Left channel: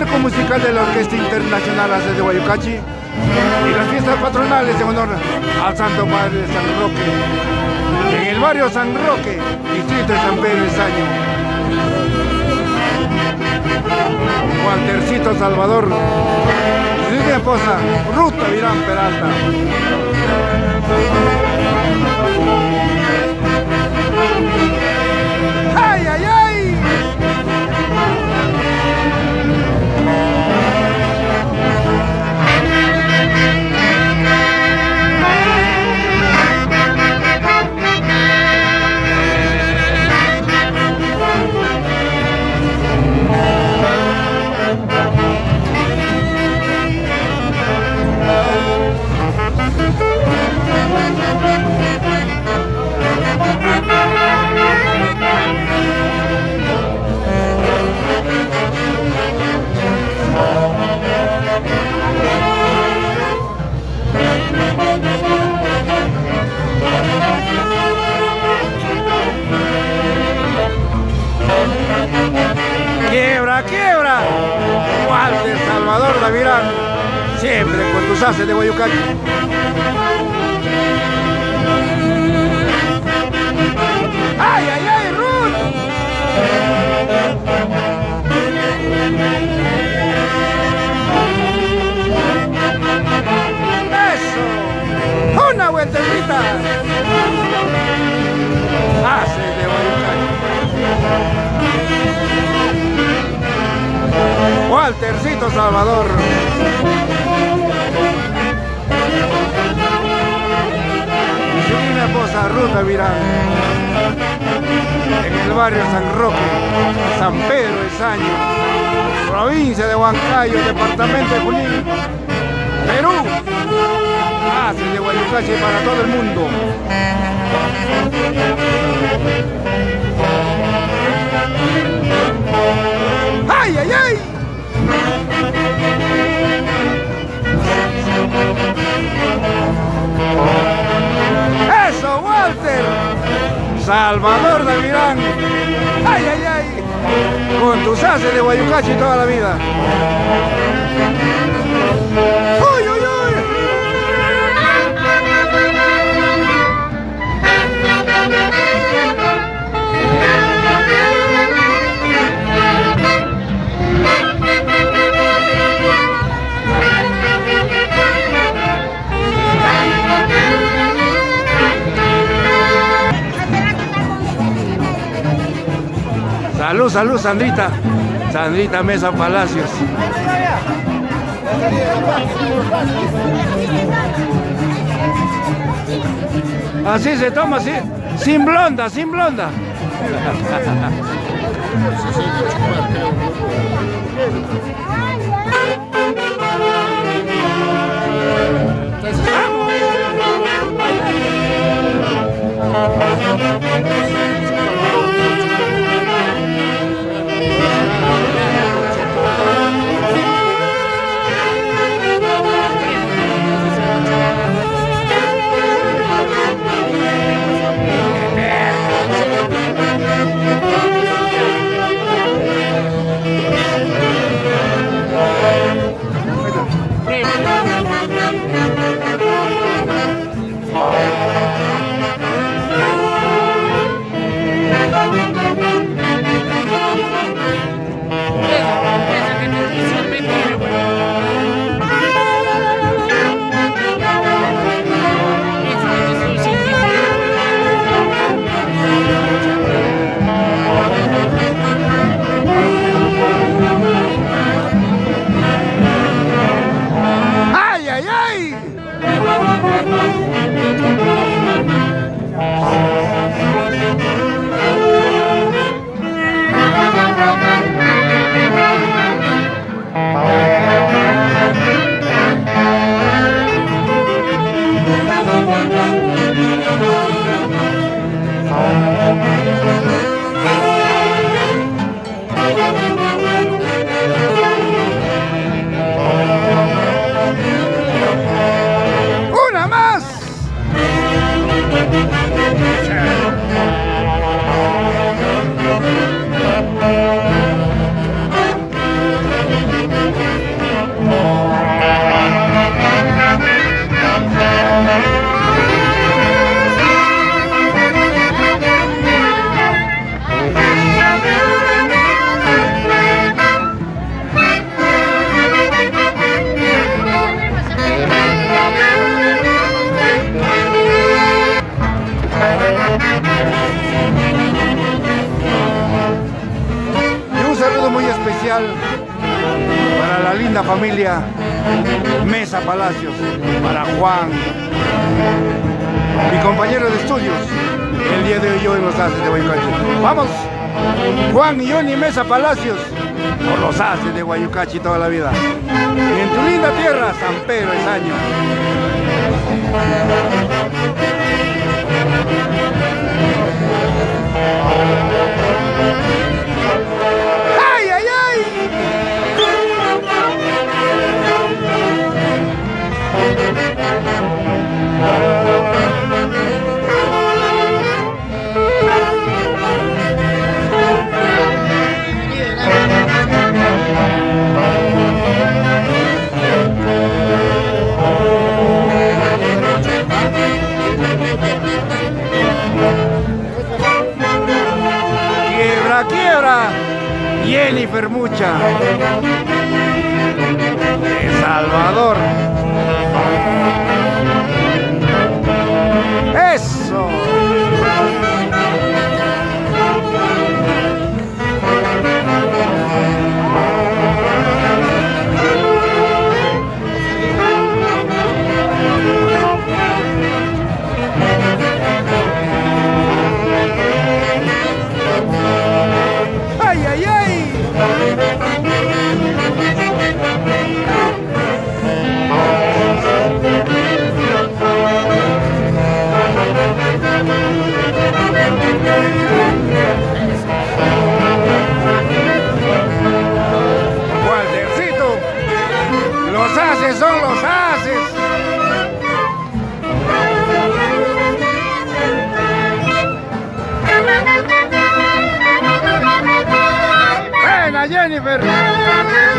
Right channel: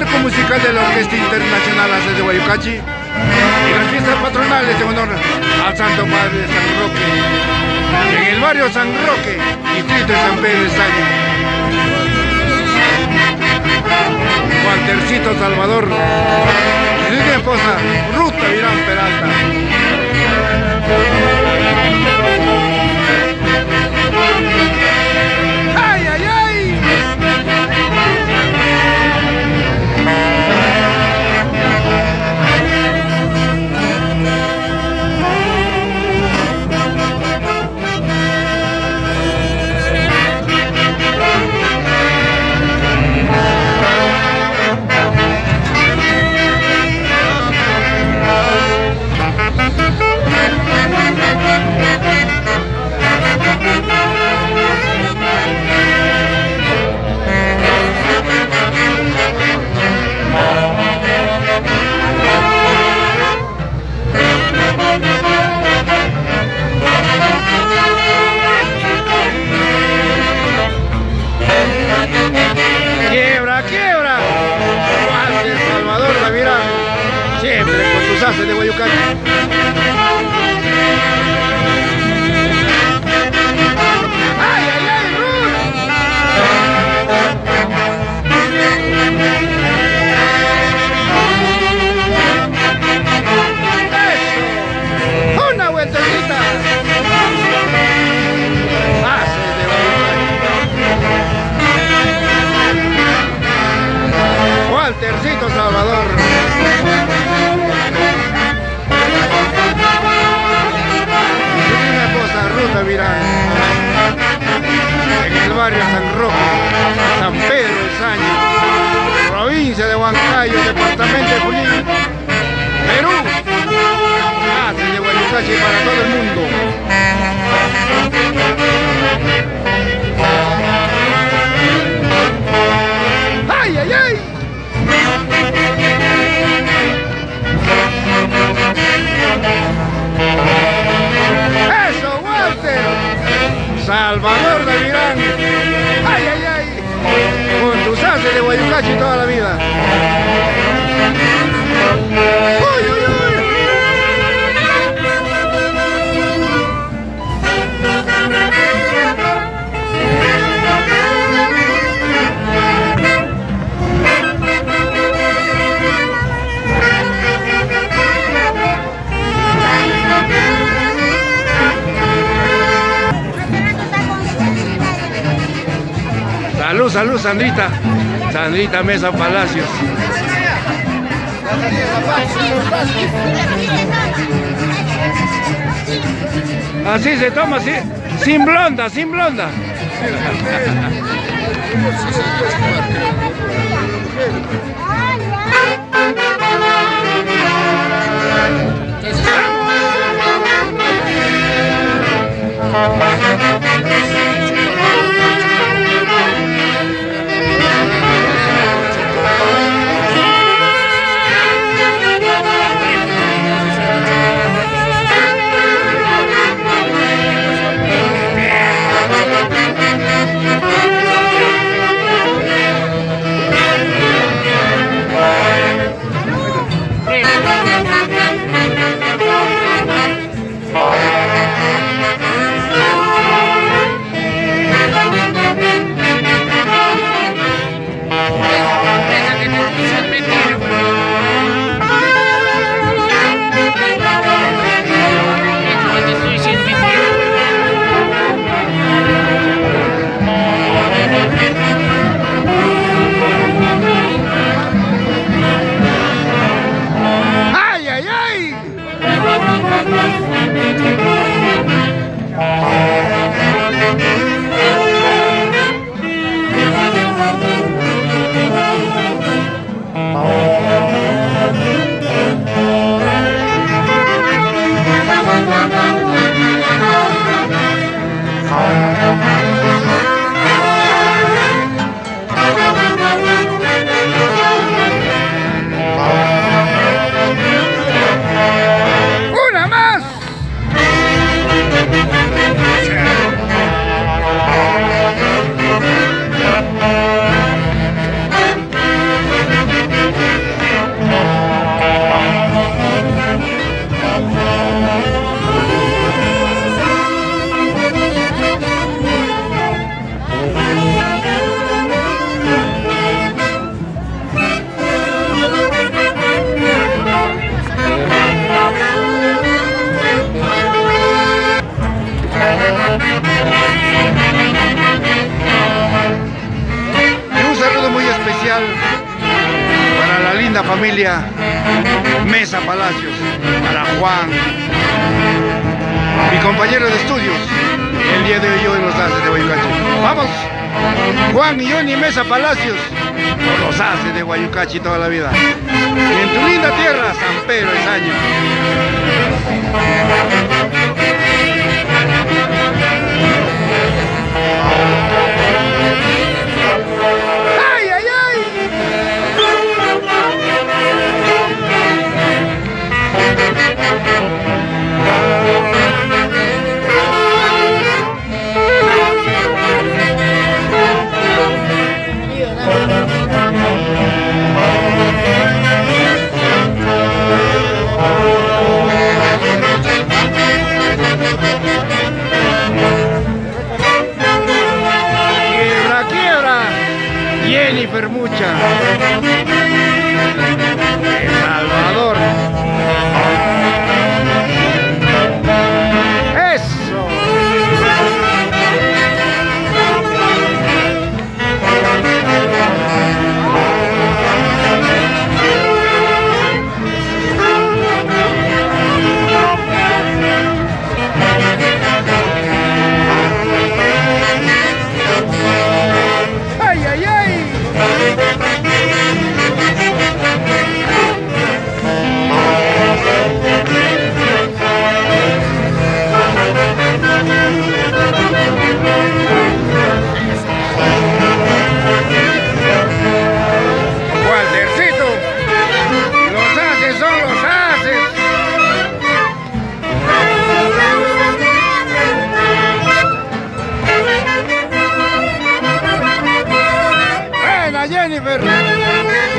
marco musical de la Orquesta Internacional ACES de Guayucachi y las fiestas patronales en honor al Santo Padre de San Roque, en el barrio San Roque, distrito de San Pedro Estaño. Waltercito Salvador y su esposa Ruta Virán Peralta. ¡Ay, ay, ay! ¡Quiebra, quiebra! Walter Salvador Davirán, siempre con tus haces de Guayucachi. ¡Ay, ay, ay, Ruth! ¡Eso! ¡Una vueltecita! Haces de Guayucachi. Waltercito Salvador. Y su linda esposa Ruta Virán. En el barrio San Roque, San Pedro Estaño, provincia de Huancayo, departamento de Junín, Perú. Haces de Guayucachi para todo el mundo. ¡Ay, ay, ay! ¡Eso, Walter! Salvador Davirán. ¡Ay, ay, ay! Con tus haces de Guayucachi toda la vida. ¡Uy, uy, uy! Salud, salud, Sandrita. Sandrita Mesa Palacios. Así se toma, así, sin blonda, sin blonda. Y un saludo muy especial para la linda familia Mesa Palacios, para Juan, mi compañero de estudios, el día de hoy en los Haces de Guayucache. Vamos, Juan y Johnny Mesa Palacios, por los Haces de Guayucache toda la vida. Y en tu linda tierra, San Pedro de Saño. ¡Ay, ay, ay! Quiebra, quiebra, Jennifer Mucha, de Salvador. Eso. ¡Ay, ay, ay! Waltercito, los Haces son los Haces. Buena, Jennifer.